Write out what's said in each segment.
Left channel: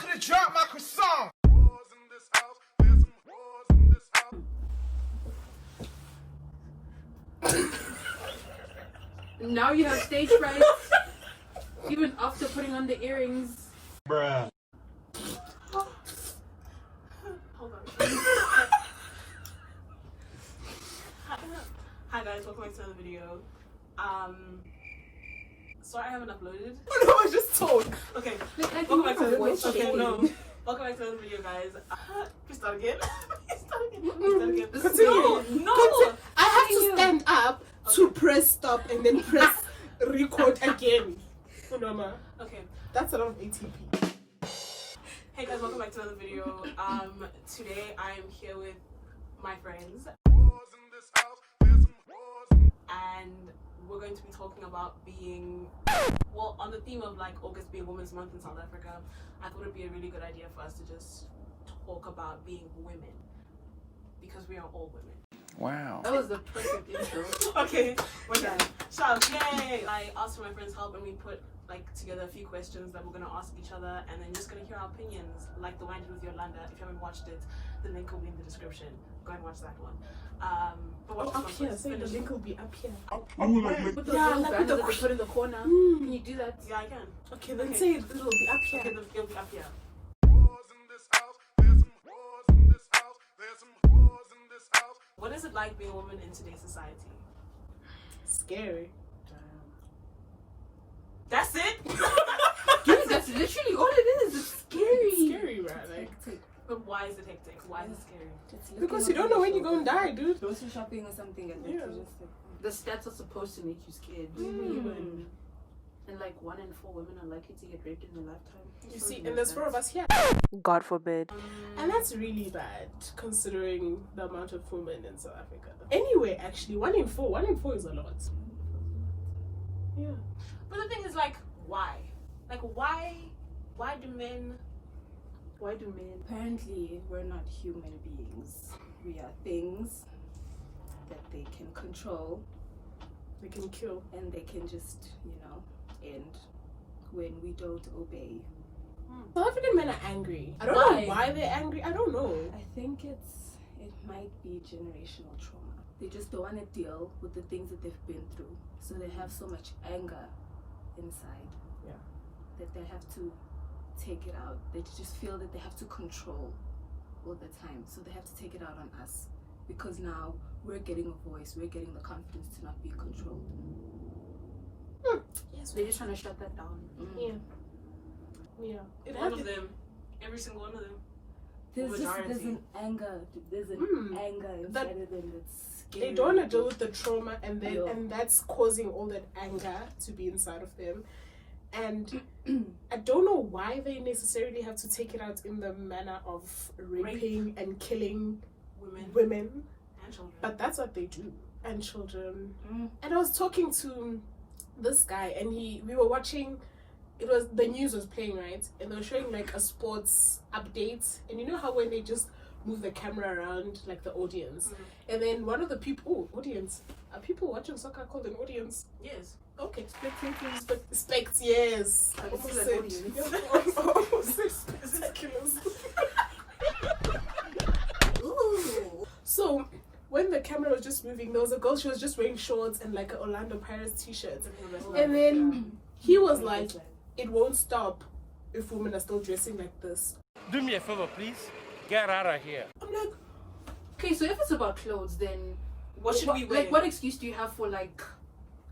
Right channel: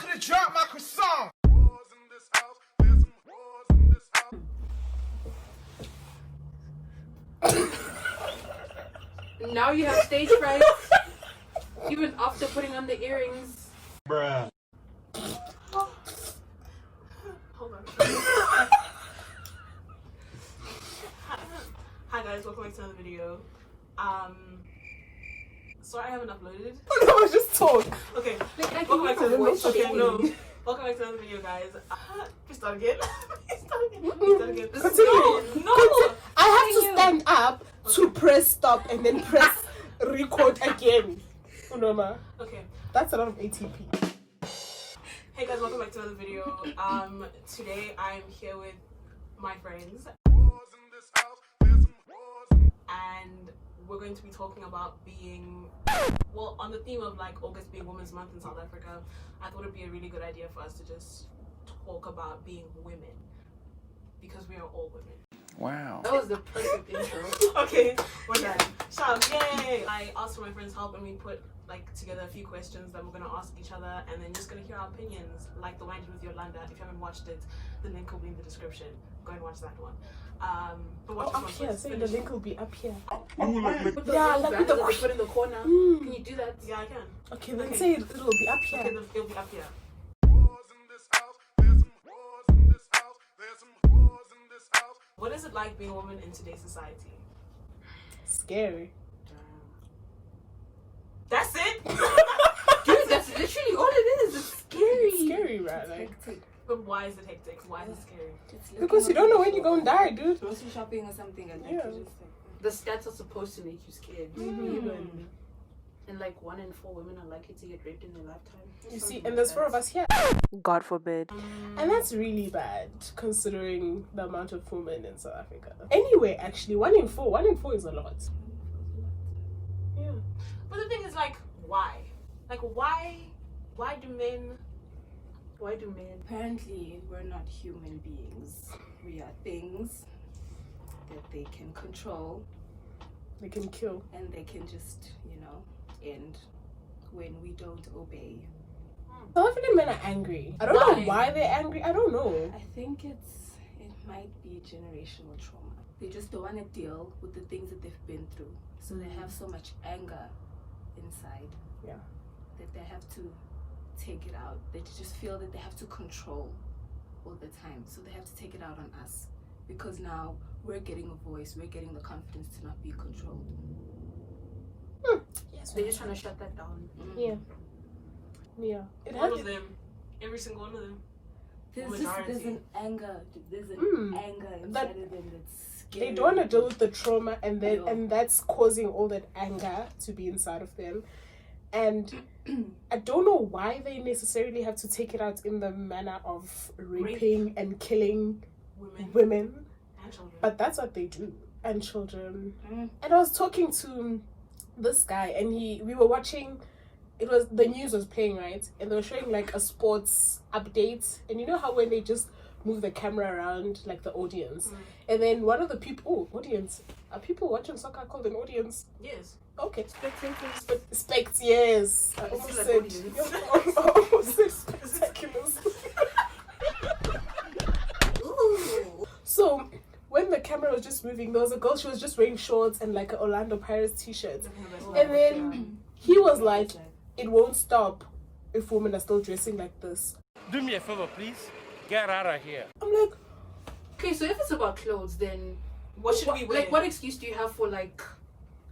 could have dropped my croissant. Now you have stage fright, even after putting on the earrings. Bruh. Hold on. Hi guys, welcome back to another video. Sorry I haven't uploaded. No, just talk. Okay. Like Welcome back to your voice okay, shaking. no. Welcome back to another video, guys. Please start again. Please start again. Continue. No. I have to stand up to press stop and then press record again. UNOMA. Okay. That's a lot of ATP. Hey guys, welcome back to another video. Today I'm here with my friends. And we're going to be talking about being, well, on the theme of like August being Women's Month in South Africa. I thought it'd be a really good idea for us to just talk about being women, because we are all women. Wow. That was the perfect intro. Okay, we're done. Shout, yay! I asked for my friends' help and we put like together a few questions that we're gonna ask each other, and then just gonna hear our opinions, like the one I did with Yolanda. If you haven't watched it, the link will be in the description. Go and watch that one. But watch Up here, so the link will be up here. With the Yeah, little like band with the- that they put in the corner. Can you do that? Yeah, I can. Okay, then Okay. say it will be up Okay, here. it'll be up here. What is it like being a woman in today's society? Scary. That's it? Dude, that's literally all it is. It's scary. Scary, right? Like, But why is it hectic? Why is it scary? because you don't know when you're gonna die, dude. Grocery shopping or something, and Yeah. you just like, The stats are supposed to make you scared. Mm. And like 1 in 4 women are likely to get raped in their lifetime. You see, and there's 4 of us here. God forbid. And that's really bad, considering the amount of women in South Africa. Anyway, actually, 1 in 4 is a lot. Yeah. But the thing is, like, why? Like, why do men... Why do men? Apparently, we're not human beings. We are things that they can control, They can kill. and they can just, end when we don't obey. South African men are angry. I don't know why they're angry. I don't know. I think it might be generational trauma. They just don't want to deal with the things that they've been through. So they have so much anger inside. Yeah. That they have to take it out. They just feel that they have to control all the time. So they have to take it out on us. Because now we're getting a voice, we're getting the confidence to not be controlled. Yes, they're just trying to shut that down. Yeah. Yeah. It All has of them. Every single one of them. There's Majority. an anger. There's an anger inside of them that's scary. they don't want to deal with the trauma, and then Yeah. and that's causing all that anger to be inside of them. And I don't know why they necessarily have to take it out in the manner of raping and killing women, And children. but that's what they do, and children. Mm. And I was talking to this guy, and we were watching. It was the news was playing, right, and they were showing like a sports update, and you know how when they just move the camera around like the audience, and then one of the people, audience, are people watching soccer called an audience? Yes. Okay, spectators, but spects, yes. I It's almost like said, audience. I almost said spectaculars. So when the camera was just moving, there was a girl. She was just wearing shorts and like an Orlando Pirates t-shirt, and then he was like, "It won't stop if women are still dressing like this." Do me a favor, please. Get out of here. I'm like, Okay, so if it's about clothes, then What should we wear? like what excuse do you have for like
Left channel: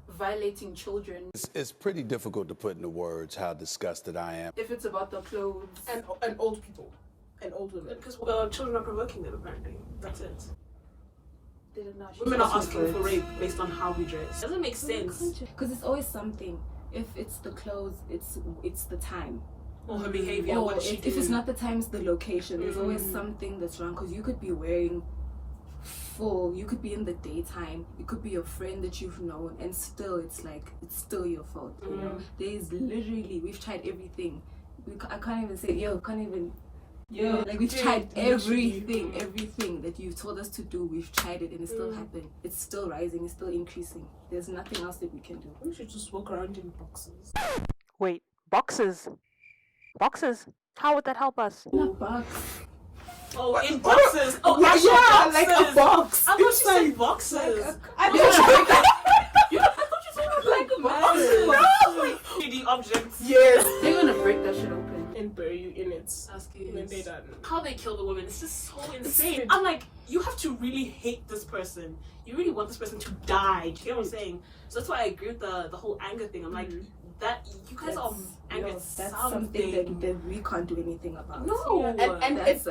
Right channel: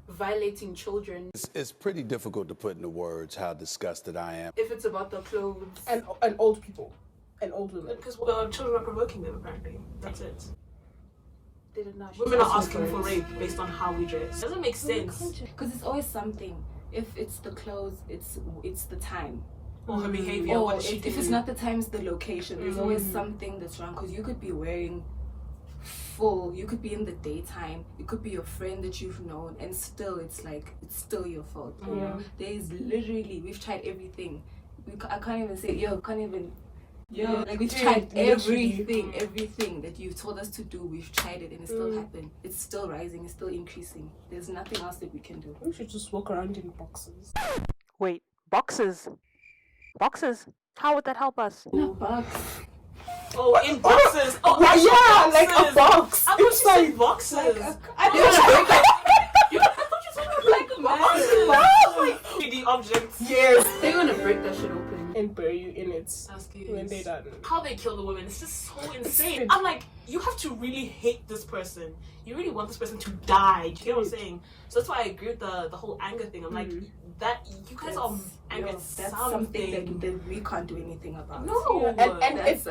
violating children? It's pretty difficult to put into words how disgusted I am. If it's about the clothes, and old people, and old women. Because the children are provoking them, apparently. That's it. they don't know. Women are asking for rape based on how we dress. Doesn't make sense. Because it's always something. If it's the clothes, it's the time. Or her behavior. Or What is she if it's doing? not the time, it's the location. There's always something that's wrong. Because you could be wearing full, you could be in the daytime, it could be a friend that you've known, and still it's like, it's still your fault. You know, there's literally, we've tried everything. I can't even say, like we've tried everything that you told us to do. We've tried it, and it still happened. It's still rising, it's still increasing. There's nothing else that we can do. We should just walk around in boxes. Wait, boxes? Boxes? How would that help us? In a box. Oh, in boxes. Oh, yeah, actual yeah, boxes. like a box. I thought you Inside. said boxes. I You're gonna break that. like a box. 3D objects. Yes. They're gonna break that shit open. And bury you in it That's when they're good. done. How they kill the women, it's just so insane. crazy. I'm like, you have to really hate this person. You really want this person to die. Do you get what I'm saying? So that's why I agree with the whole anger thing. I'm like, that you guys are angry at That's something. something that we can't do anything about. No. And That's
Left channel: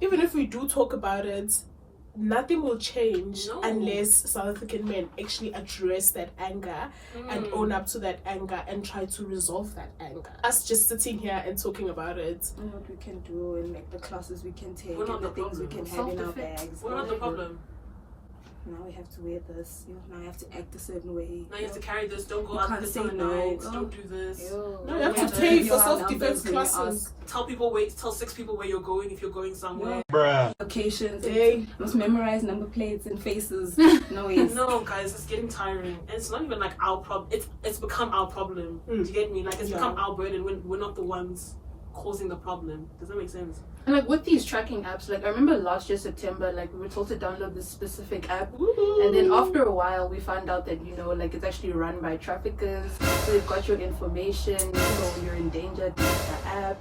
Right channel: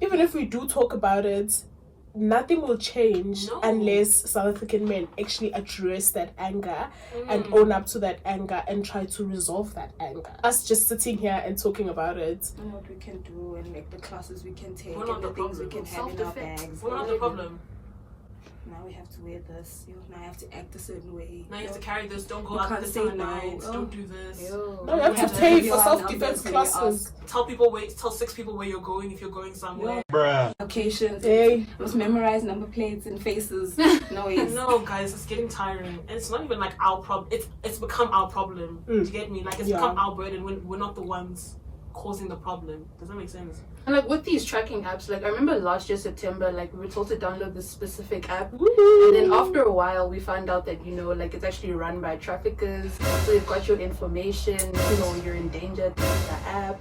even if we do talk about it, nothing will change No. unless South African men actually address that anger and own up to that anger and try to resolve that anger. Us just sitting here and talking about it. And what we can do and like the classes we can take We're not and the the things we problem. can have in our Self-defense. bags. What about the problem? Now we have to wear this. Now I have to act a certain way. Now you have to carry this. Don't go You out can't this say time at no. night. Oh. Don't do this. No, you have to pay for self-defense classes. Tell 6 people where you're going if you're going somewhere. Locations. Hey. Must memorize number plates and faces. No way. No, guys, it's getting tiring. And it's not even like our problem. It's become our problem. Do you get me? Like, it's become our burden when we're not the ones causing the problem. Does that make sense? And like with these tracking apps, like I remember last year September, like we were told to download this specific app, and then after a while we found out that like it's actually run by traffickers. So they've got your information. You're in danger. Delete the app.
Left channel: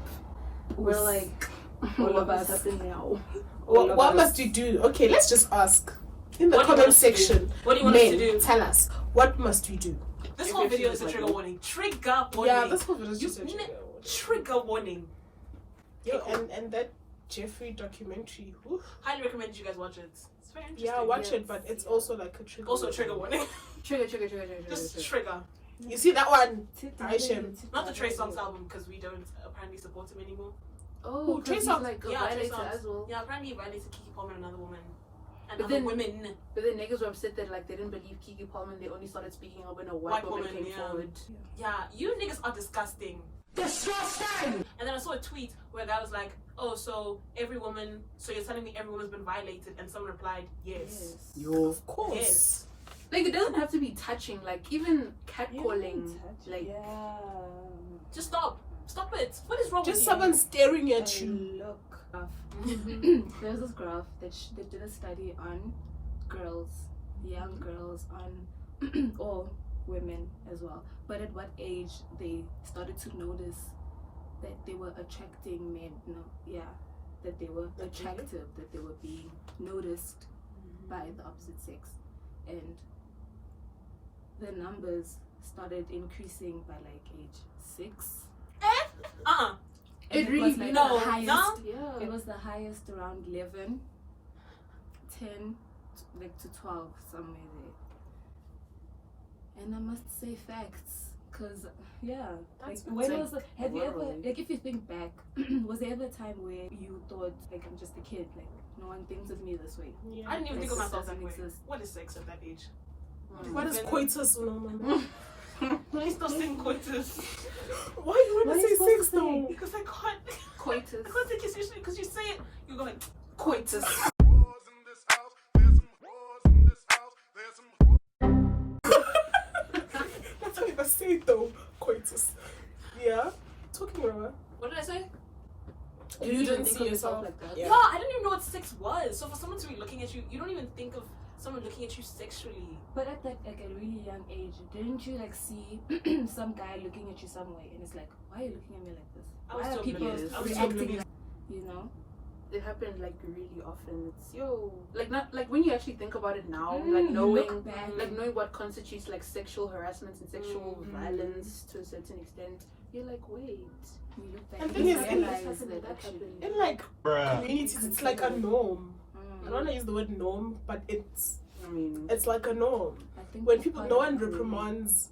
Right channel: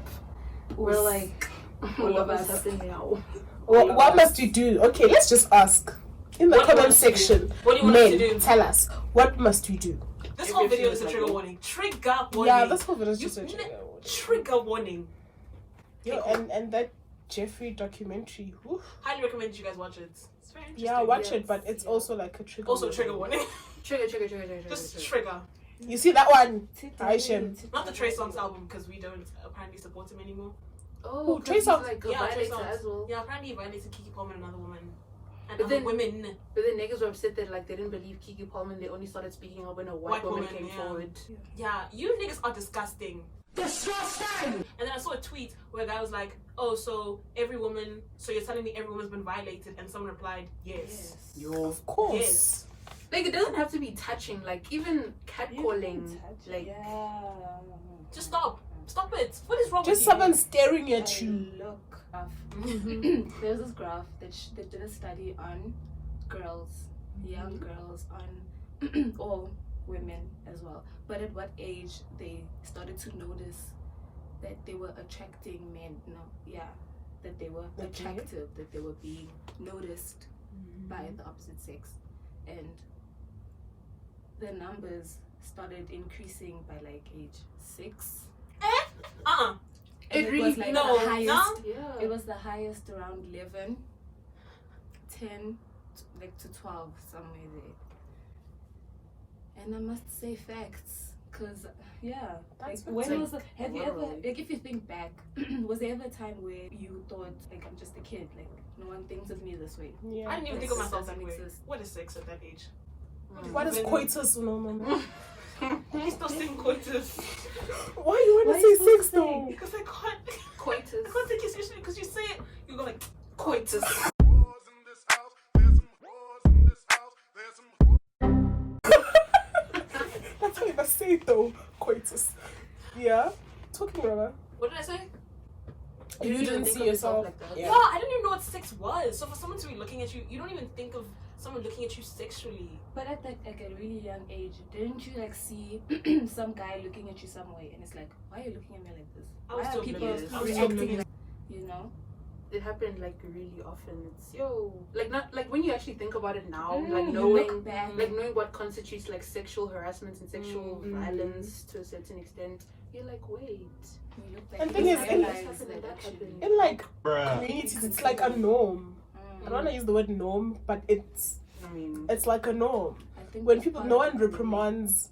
We're like, All of what's us. happening now? What must we do? Okay, let's just ask. In the What do you comment want us to do? section, What do you want us to men, do? tell us, what must we do? This whole video is a trigger warning. Trigger warning. Yeah, that's what it is. You- Just a Trigger warning. Yo, and that Jeffrey documentary. Oof. Highly recommend you guys watch it. It's very interesting. Yeah, watch it, but it's also like a trigger. Also, warning. trigger warning. Trigger. Just trigger. You see that one? Aishem. Not the Trey Songz album because we don't apparently support him anymore. Oh, Trey 'cause he's Songz. like a Yeah, Trey violator Songz. as well. Yeah, apparently he violated Kiki Palmer and another woman. And But other then- women. But then niggas were upset that like they didn't believe Kiki Palmer. They only started speaking up when a white woman came yeah. forward. Yeah, you niggas are disgusting. Disgusting! And then I saw a tweet where a guy was like, oh, so you're telling me every woman's been violated? And someone replied, yes. Yo, of course. Yes. Like it doesn't have to be touching. Like even catcalling. Like Just stop. Stop it. What is wrong Just with you? someone staring at you. Look, there was this graph that they did a study on girls, young girls, on or women as well. But at what age they started to notice that they were attracting men? That they were attractive, that they were being noticed by the opposite sex, and the numbers started increasing by like age 6. And It really- was like no, the highest. no. yeah. It was the highest around 11, 10, like to 12, somewhere there. And I must say facts, cause like when was the, have you ever, literally. like if you think back, was there ever a time where you thought like I'm just a kid, like no one thinks of me this way? Yeah. I didn't even think of myself that Doesn't way. exist. What is sex at that age? What is coitus, UNOMA? Please stop saying coitus. Why do you want Why to you say sex supposed to though? Because I can't. Coitus. I can't take it seriously because you say it, you go like, Coitus. That's how you must say it though. Coitus. Yeah. Talking rubber. what did I say? You didn't see yourself. like that. Yeah, I didn't even know what sex was. So for someone to be looking at you, you don't even think of someone looking at you sexually. But at that like a really young age, didn't you like see some guy looking at you some way, and it's like, why are you looking at me like this? I was Why are so people oblivious. I was so reacting oblivious. like, you know? It happened like really often. It's like not like when you actually think about it now, like You knowing look back. like knowing what constitutes like sexual harassment and sexual violence to a certain extent, you're like, wait. You look And back thing and is, you realize happened, that that actually. happened. In like communities, it's like a norm. I don't want to use the word norm, but it's I mean, like a norm. I think When that's people, part no of one the reprimands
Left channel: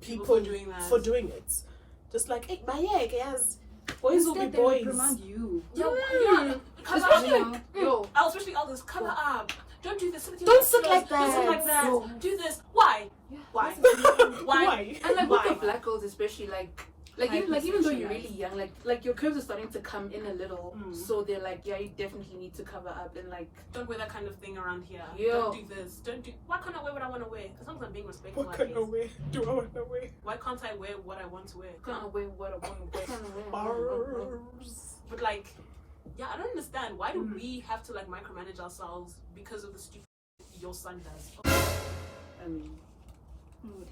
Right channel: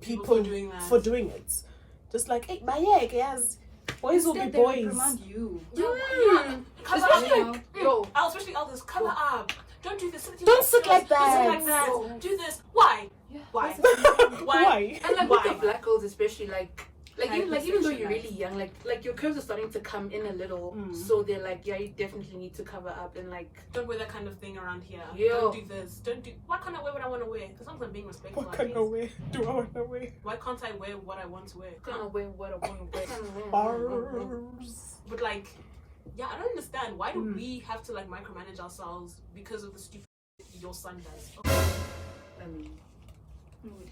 People people for doing that. for doing it. Just like, hey, but yeah, yes, boys will be Instead, they boys. reprimand you. Yeah. Cover especially up. like yo, I'll especially others. Cover up. Don't do this. Don't sit like Don't sit that. like that. Do this. Why? Yeah. Why? Why? and like Why? with the black girls especially, like Like even though you're really young, like your curves are starting to come in a little, so they're like, yeah, you definitely need to cover up and like don't wear that kind of thing around here. Yeah. Don't do this. Don't do. What kind of wear would I want to wear? As long as I'm being respectful. What kind of way do I want to wear? Why can't I wear what I want to wear? kind of wear what I want to wear. Bars. But like, yeah, I don't understand. Why do we have to like micromanage ourselves because of the stupid your son does? I mean,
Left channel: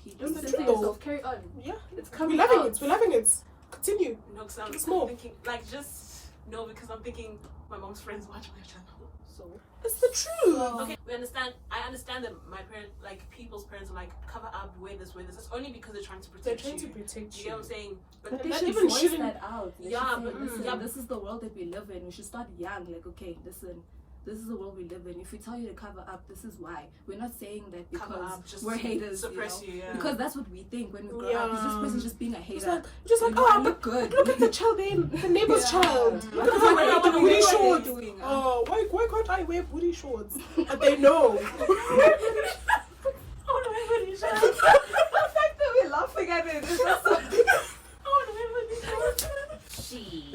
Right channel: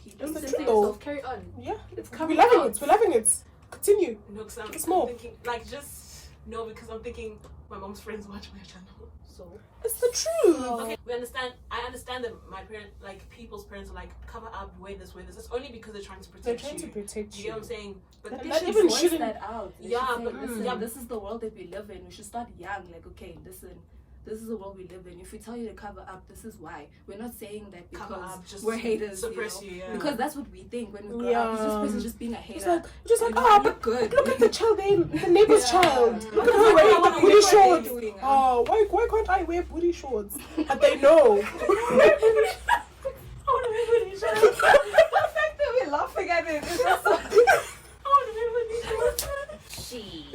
It's the censor truth. yourself, carry on. Yeah. It's We're coming loving out. it. We're loving it. Continue. No, because It's I'm more. thinking like just no, because I'm thinking my mom's friends watch my channel. So It's the truth. Okay, we understand. I understand that my parents, like people's parents, are like cover up, wear this. It's only because they're trying to They're protect trying to you. protect You you. get what I'm saying? But But they that should even voice shouldn't- that out. They Yeah, should say, but- listen, yeah. this is the world that we live in. We should start young. Like, okay, listen, this is the world we live in. If we tell you to cover up, this is why. We're not saying that Cover because up, just we're haters, suppress you know? you, yeah. Because that's what we think when we grow up. This person's just being a hater. Just like, You know, oh, I but look good. look at the child, the neighbor's Yeah. child. Look at her Like, wearing what booty are they shorts. doing? Oh, why can't I wear booty shorts? But they know. The fact that we're laughing at it is just so... she.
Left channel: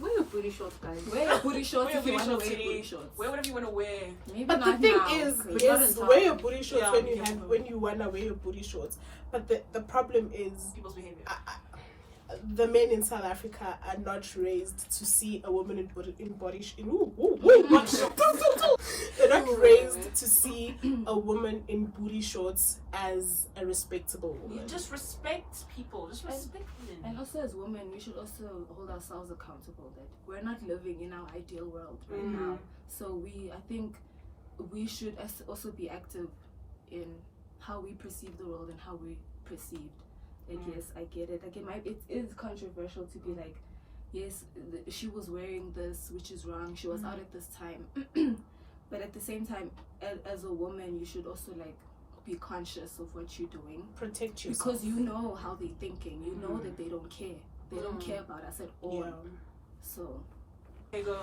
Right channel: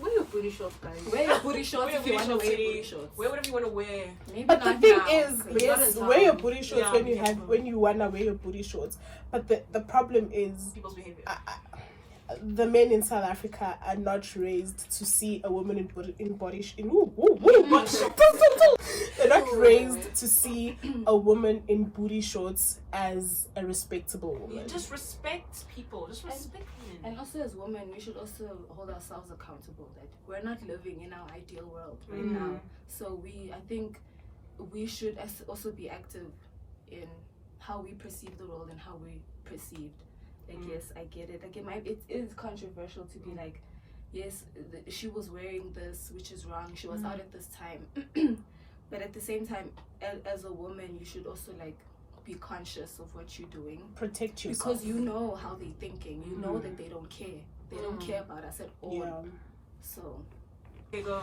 Wear your booty shorts, guys. Wear your booty shorts Wear your if you booty want to shorts, wear sweetie. booty shorts. Wear whatever you want to wear. Maybe But the not thing now, is, 'cause- yes, wear your booty shorts Yeah, when you be have careful. when you wanna wear your booty shorts. But the problem is, People's behavior. the men in South Africa are not raised to see a woman they're not raised to see a woman in booty shorts as a respectable You woman. just respect people. Just respect women. And also as women, we should also hold ourselves accountable that we're not living in our ideal world right now. So I think we should also be active in how we perceive the world and how we perceived. Like, yes, I get it. Like, it is controversial to be like, yes, she was wearing this, which is wrong. She was out at this time. But at the same time, as a woman, you should also like be conscious of what you're doing. Protect yourself. Because you know how they're thinking. You know that they don't care. They don't care about us at all. Yeah. So, Okay, go.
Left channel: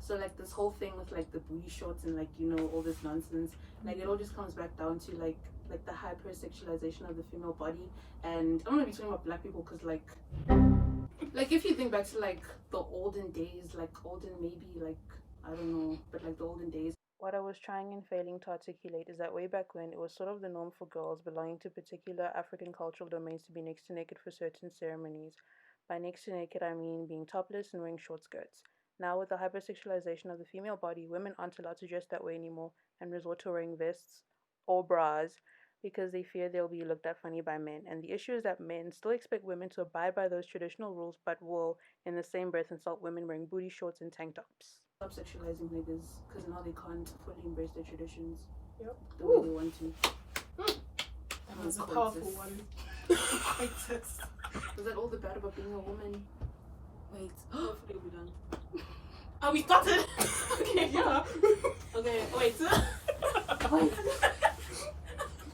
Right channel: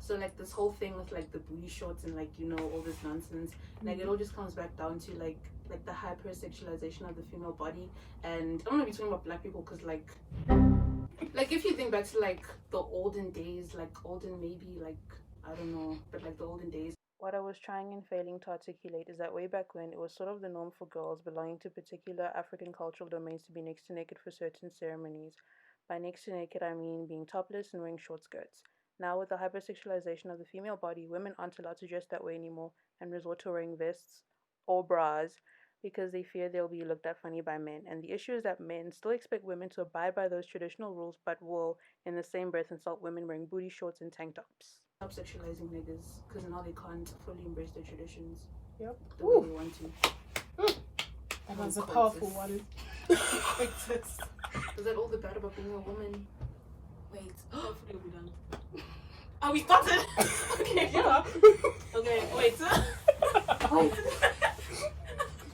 So like this whole thing with like the booty shorts and like, you know, all this nonsense, like it all just comes back down to like the hyper-sexualization of the female body. And I'm gonna be talking about black people because like if you think back to like the olden days, like maybe like I don't know, but like the olden days. What I was trying and failing to articulate is that way back when, it was sort of the norm for girls belonging to particular African cultural domains to be next to naked for certain ceremonies. By next to naked, I mean being topless and wearing short skirts. Now, with the hypersexualization of the female body, women aren't allowed to dress that way anymore and resort to wearing vests or bras because they fear they'll be looked at funny by men. And the issue is that men still expect women to abide by those traditional rules, but will, in the same breath, insult women wearing booty shorts and tank tops. Stop sexualizing niggas because now they can't fully embrace their traditions Yep. the way they want to. That was a powerful one. Is that all the bad about being a woman? wait. Hopefully we'll be done. Oh, we started? Okay. Yeah. Okay, wait. Wait.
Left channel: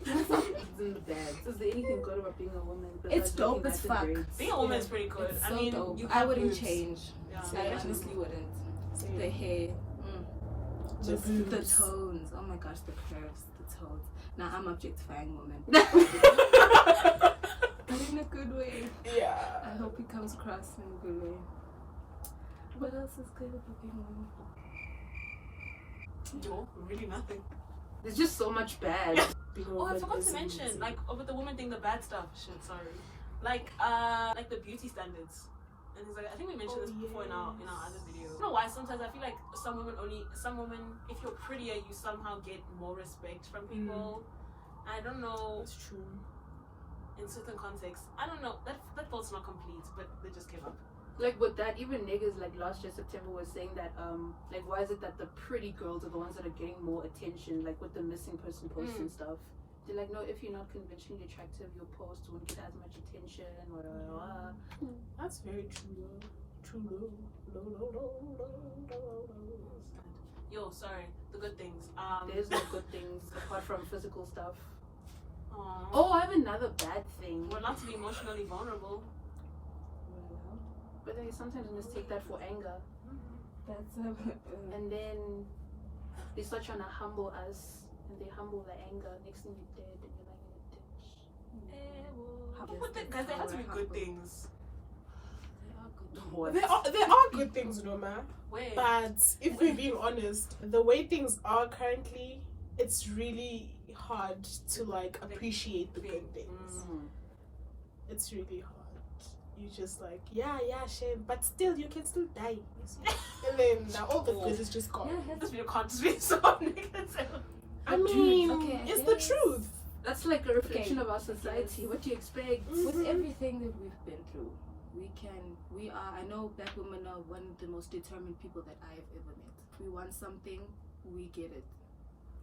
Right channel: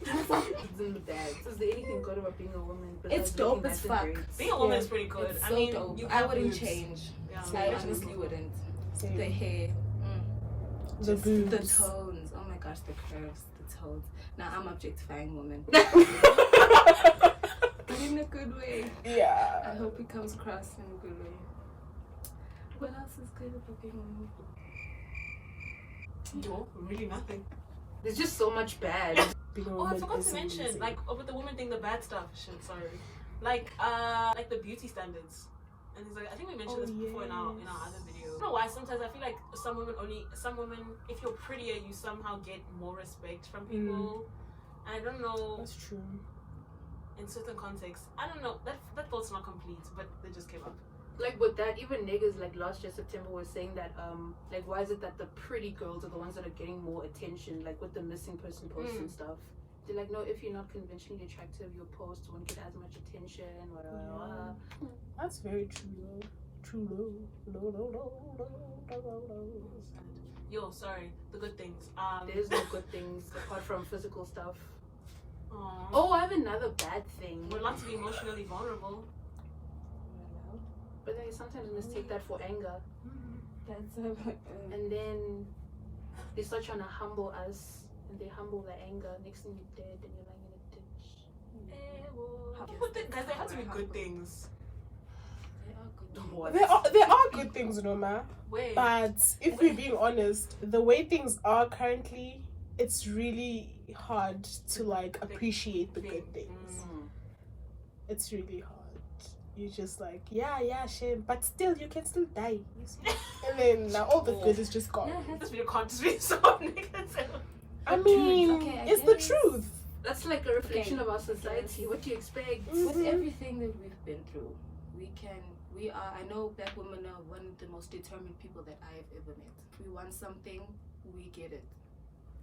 Isn't bad. Is there anything good about being a woman? It's besides dope looking as nice and fuck. great? Being a woman is pretty good. It's I so mean, dope. you I have wouldn't boobs. change. Yeah. I honestly wouldn't. Same. The hair. The Just boobs. the tones. Oh my gosh, the curves, the tones. Now I'm objectifying women. But in a good way. Yeah. I hope it comes across in a good way. What else is good about being a woman? No, really nothing. There's just so much bad. Being a Oh, I woman forgot is to mention, amazing. like, with the woman thing, the bad stuff. Shit, sorry. Like the beauty standards. And it's like, I think we mentioned this before in our other video. I don't know why. Sometimes I feel like some women, if you're prettier, you somehow get more respect from people. I don't know. That's true. In certain contexts, I don't know. That thought's not complete, but they just came up. Like with that, even niggas like last year September was saying that like why is it that the pretty girls are the ones that are getting more attention, like with the missing person posts and stuff. They're like, no, if you're not conventionally attractive, your post won't get as much attention. That's very true though. True though. Yo, sorry. The good things. There's no good things apart from physical stuff. Aww. Oh, I have another bad thing. We're allowed to be emotionally vulnerable. But they sometimes mistake that for anger. That's And then they start trying to humble us. And they humble the anger. Next thing you're dead and you're lying in a But there has to be good things. There are good things, Noma. Where? But if we're being honest, the way things are currently, it's really hard to like appreciate the good things. It's really hard. You just like, yeah, shame, but still you can still die. You see? And then now all the good is just gone. This video can't just be so negative. I mean, it's the truth. That's like a reflection of our society. What do you expect? With everything that we've been through, I know black women are one of the most determined people that I have ever met. If we want something, we get it,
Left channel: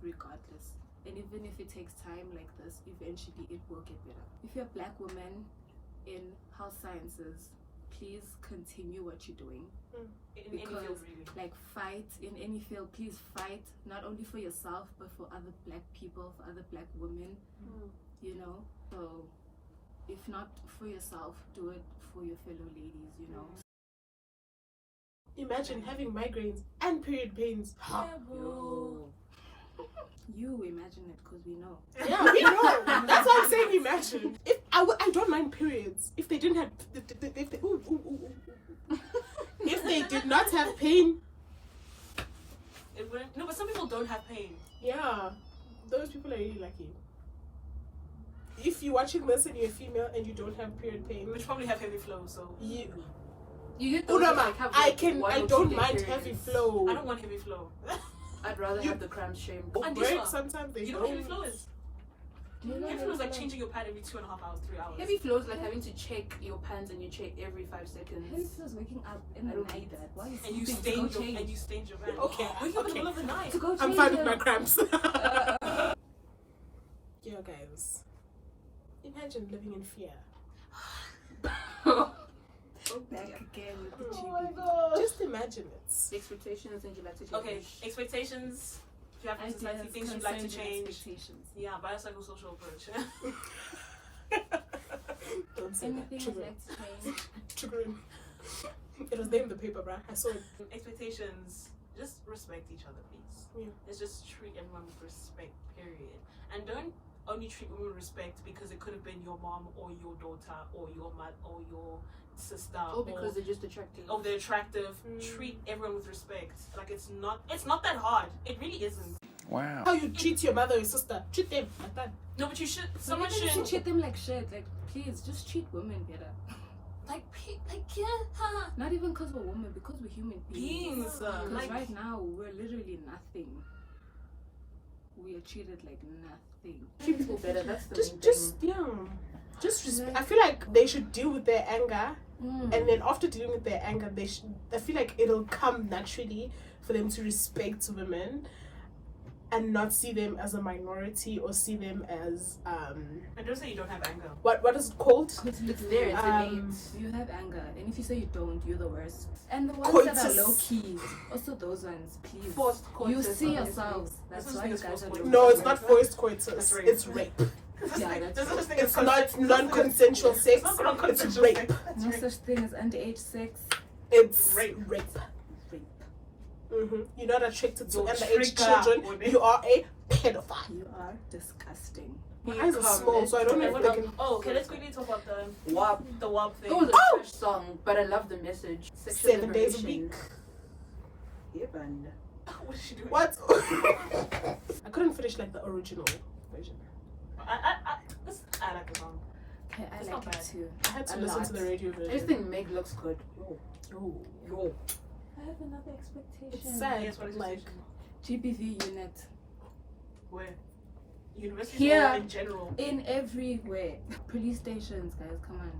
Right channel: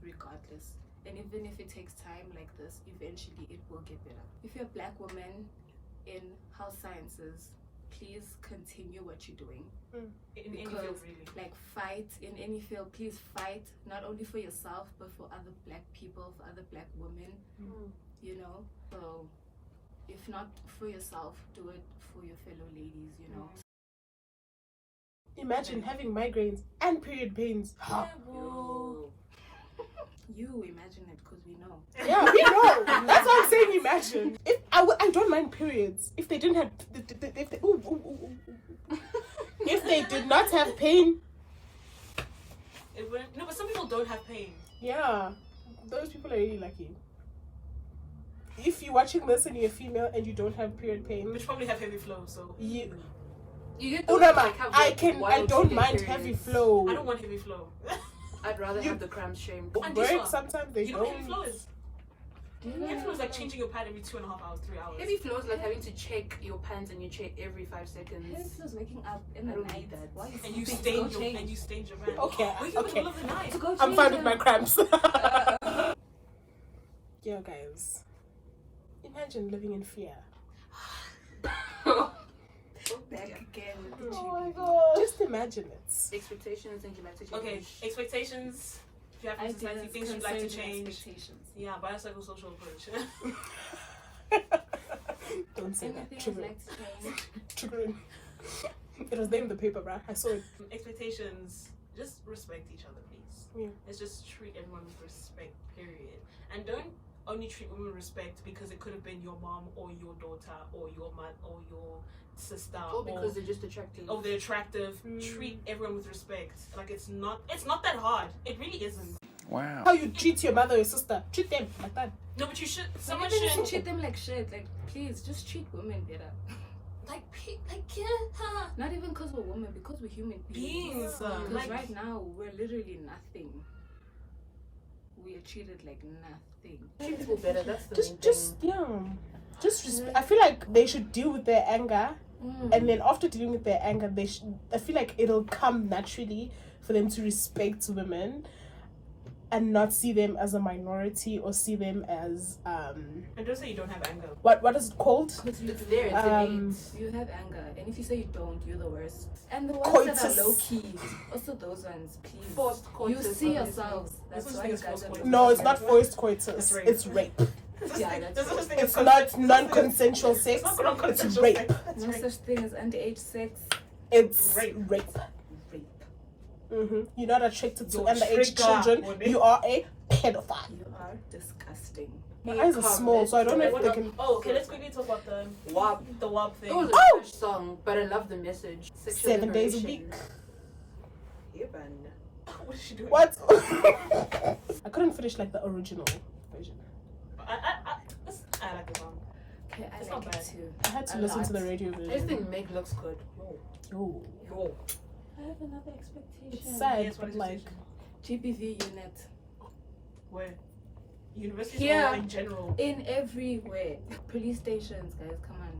regardless. And even if it takes time like this, eventually it will get better. If you're a black woman in health sciences, please continue what you're doing. In any field, really. Like, fight in any field. Please fight, not only for yourself, but for other black people, for other black women, you know? So, if not for yourself, do it for your fellow ladies, you know? Imagine having migraines and period pains. You imagine it, because we know. Yeah, we know. That's what I'm saying. Imagine. If I don't mind periods. If they didn't have, if they did not have pain. It wouldn't. No, but some people don't have pain. Yeah, those people are really lucky. If you're watching this and you're female and you don't have period pain, Which probably have heavy flow, so. You get those that, like, have I like don't mind heavy flow. I don't want heavy flow. I'd rather have the cramps shamed. Work sometimes they You know what don't. heavy flow is? Heavy flow is like changing your pad every 2.5 hours, 3 hours. Heavy flow is like having to check your pants and you check every 5 seconds. This is waking up in the night. Why are you And you sleeping? stain your pants. Okay, Wake up in the middle of the night. I'm fine with my cramps. Yo, guys, imagine living in fear. Back again with the Oh my god! Just imagine it. Expectations and you like to change. Okay, expectations. If you have ideas, things you'd like to change. expectations. Yeah, biopsychosocial approach. Don't say Anything that. I'd like to change. Triggering. It was there in the paper, bruh. I saw it. Expectations. Just respect each other, please. Yeah. It's just treat everyone with respect, period. And don't only treat women with respect because it could have been your mom or your daughter or your mother or your sister. Or because they're just attractive. Oh, they're attractive. Treat everyone with respect. Like, it's not that hard. It really isn't. Wow. How you treat your mother or your sister? Treat them like that. No, but you should. Someone Someone shouldn't should. treat them like shit. Like, please, just treat women better. Yeah. Not even because we're women, because we're human beings. Beings. Because Like, right now, we're literally nothing. We are treated like nothing. Treat people better. That's the main Just thing. yeah. Just respect. I feel like they should deal with their anger, and then after dealing with their anger, I feel like it'll come naturally for them to respect women, and not see them as a minority or see them as and don't say you don't have anger. what is it called? It's there. It's innate. You have anger, and if you say you don't, you're the worst. And the ones that Coitus. are low key, also those ones, please. Forced You coitus, see honestly. yourselves. That's This why thing you is guys are forced low. No, it's not forced coitus. It's rape. It's rape. Yeah, that's It's not non-consensual sex. It's rape. no such thing as underage sex. It's Rape. rape. Rape. You're not attracted to You're underage trigger, children. woman. You are a pedophile. You are disgusting. My eyes are small, so I don't know if they can. Oh, okay, let's quickly talk about the WAP. WAP thing. It was a trash song, but I love the message. Sexual 7 days a liberation. week. What is she doing? What? I couldn't finish like the original version. I like the song. Okay, I It's like not it bad. too. I had to A listen lot. to the radio I just version. think Meg looks good. Yo, I have another expectation. it's sad, Yes, what but is like, GBV unit. Where? University Here. or in general. In everywhere. Police stations, guys, come on.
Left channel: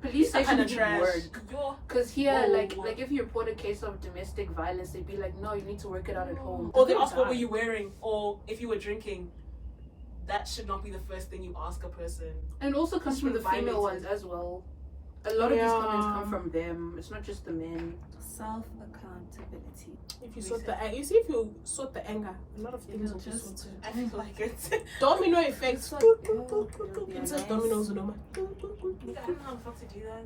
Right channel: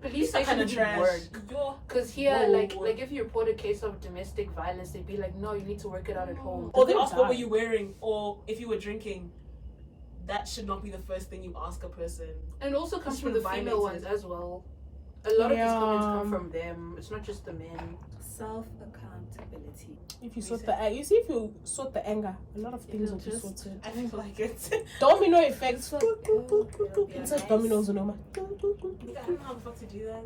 Police That station kind of would trash. work. Because here, Whoa, like whoa. if you report a case of domestic violence, they'd be like, no, you need to work it out at home. Or they They ask what die. were you wearing, or if you were drinking. That should not be the first thing you ask a person. And also comes from the Violated. female ones as well. A lot of these comments Yeah. come from them. It's not just the men. Self-accountability. if you sort the anger, you see, if you sort the anger, a lot of things will be just- sorted. I feel like it. Domino effect. So- It's like dominoes, you know. I don't know how to do that.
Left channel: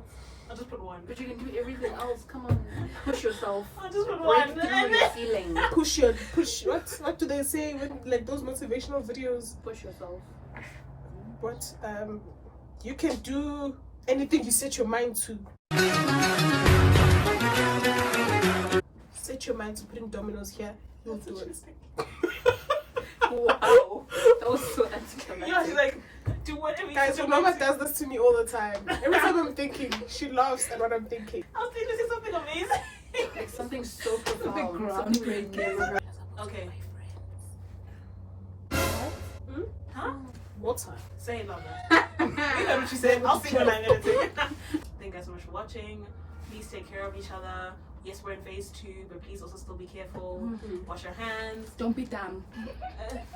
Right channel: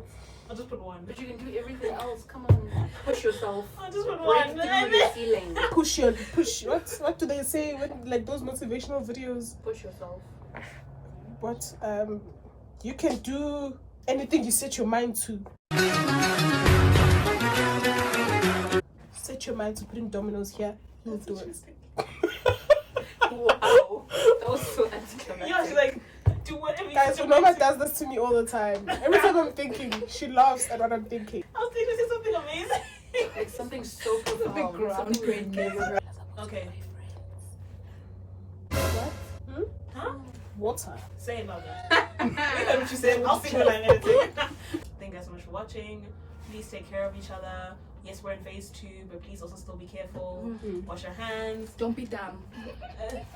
I'll just put one. But you can do everything else. Come on. Push yourself. I'll just put Break one. through your feeling. Push. What do they say with like those motivational videos? Push yourself. What You can do anything you set your mind to. Set your mind to putting dominoes here, you'll do it. Wow. That was so anticlimactic. Yeah, she's like, do whatever. Guys, UNOMA does this to me all the time. Every time I'm thinking, she laughs at what I'm thinking. I was thinking to say something amazing. Like something so profound. big Something we've groundbreaking. never heard. Okay. Huh? Water. Say it, Mama. You heard what she said. I'll sing when I edit it. Thank you guys so much for watching. Please take care of each other. Yes, we're in phase 2, but please also still be careful. Wash your hands. Don't be dumb.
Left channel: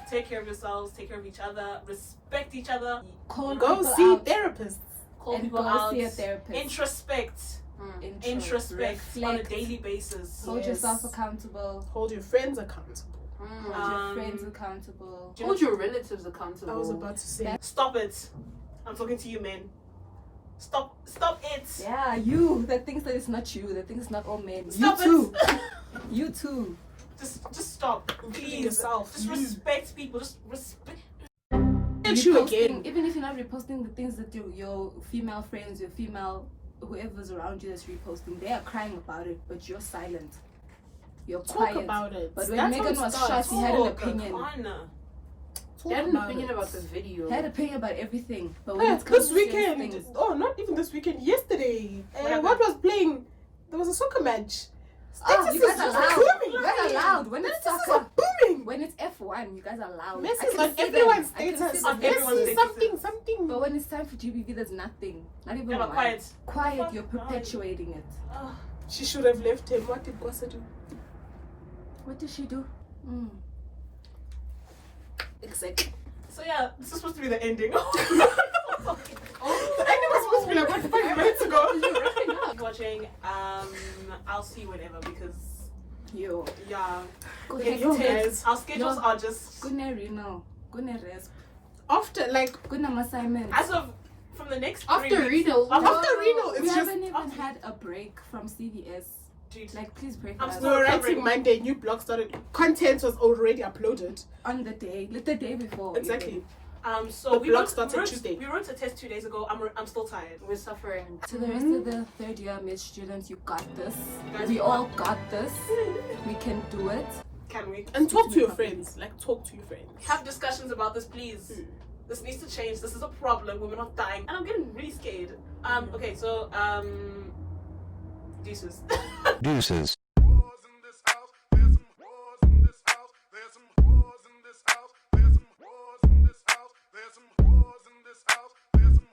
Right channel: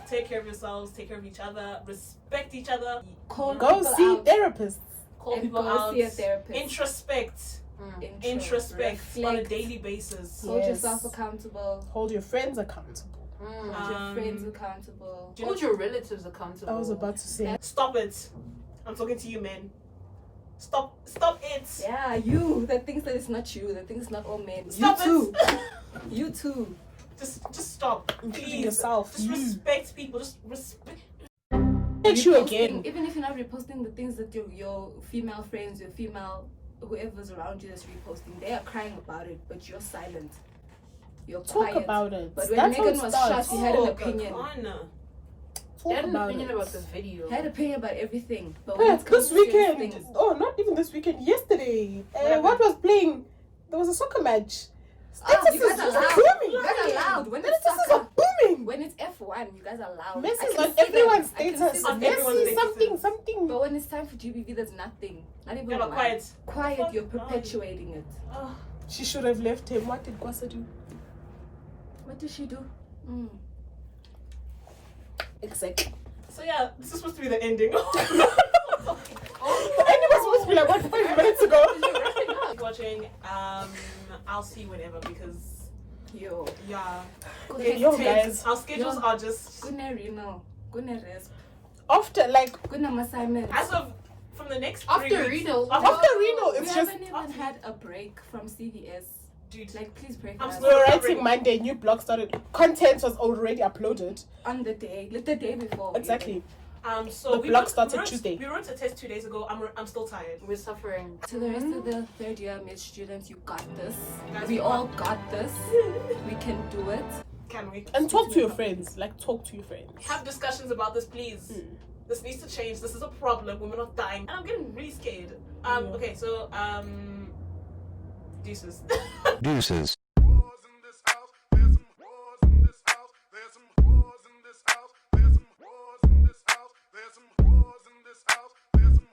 Take care of yourselves. Take care of each other. Respect each other. Call Go people see out. therapists. Call And people go out. see a therapist. Introspect. Introspect. On a daily basis. Hold Yes. yourself accountable. Hold your friends accountable. Hold your friends accountable. Hold your relatives accountable. I was about to say. Stop it. I'm talking to you, men. Stop it. Yeah, you that thinks that it's not you, that thinks it's not all men. Stop you too. You too. Just stop. Including Please. yourself. Just You. respect people. Just respect. Hit you Reposting- again. Even if you're not reposting the things that your female friends, your female whoever's around you that's reposting, they are crying about it, but you're silent. You're Talk quiet. about it. But when That's how Megan it was starts. shot, she had an Oh, opinion. Kakana. I Talk had an about opinion it. about this video. Had an opinion about everything. But when Yeah, it comes this to serious weekend. things, Oh, not even this weekend. Yesterday. happened? What was playing? There was a soccer match. you guys are Statuses loud. booming. You guys are loud. When it's Statuses soccer, are booming. when it's F1, you guys are loud. I Messi can is on see them. everyone's I can status. see them. On everyone's Messi, statuses. something. But when it's time for GBV, there's nothing. Not even You're not one. quiet. Quiet, you're Fuck, perpetuating it. She should have left him. What did Kwasa do? What did she do? Exactly. So yeah, this is supposed to be the ending. The ending was supposed to be like, what, 5 minutes ago? Keep watching. I'll see whenever because Yo. yeah, Good it's Yo, tense. guys. Our schedules Yo. are just Good night, Reno. Good night, rest. After, like, Good night, assignment. as of from the next After 3 weeks. Reno. after Reno, We it's just, haven't even had a break from CVS. Dude, Like, please break I'm us still we were recovering. writing Monday, new blog started. Content was already uploaded. on the day, like the day before. Exactly. So The we blog wrote- started we wrote- Tuesday. We wrote a test 2 days ago. I'm still tired. We're suffering. To the rest of the third year med students, you got this. We all got this. We can do it. Can we And talk to your friends. Like, talk to your friends. have discussions about this, please? This needs to change. This is a problem. Women are dying, and I'm getting really scared. Okay, so deuces. Deuces.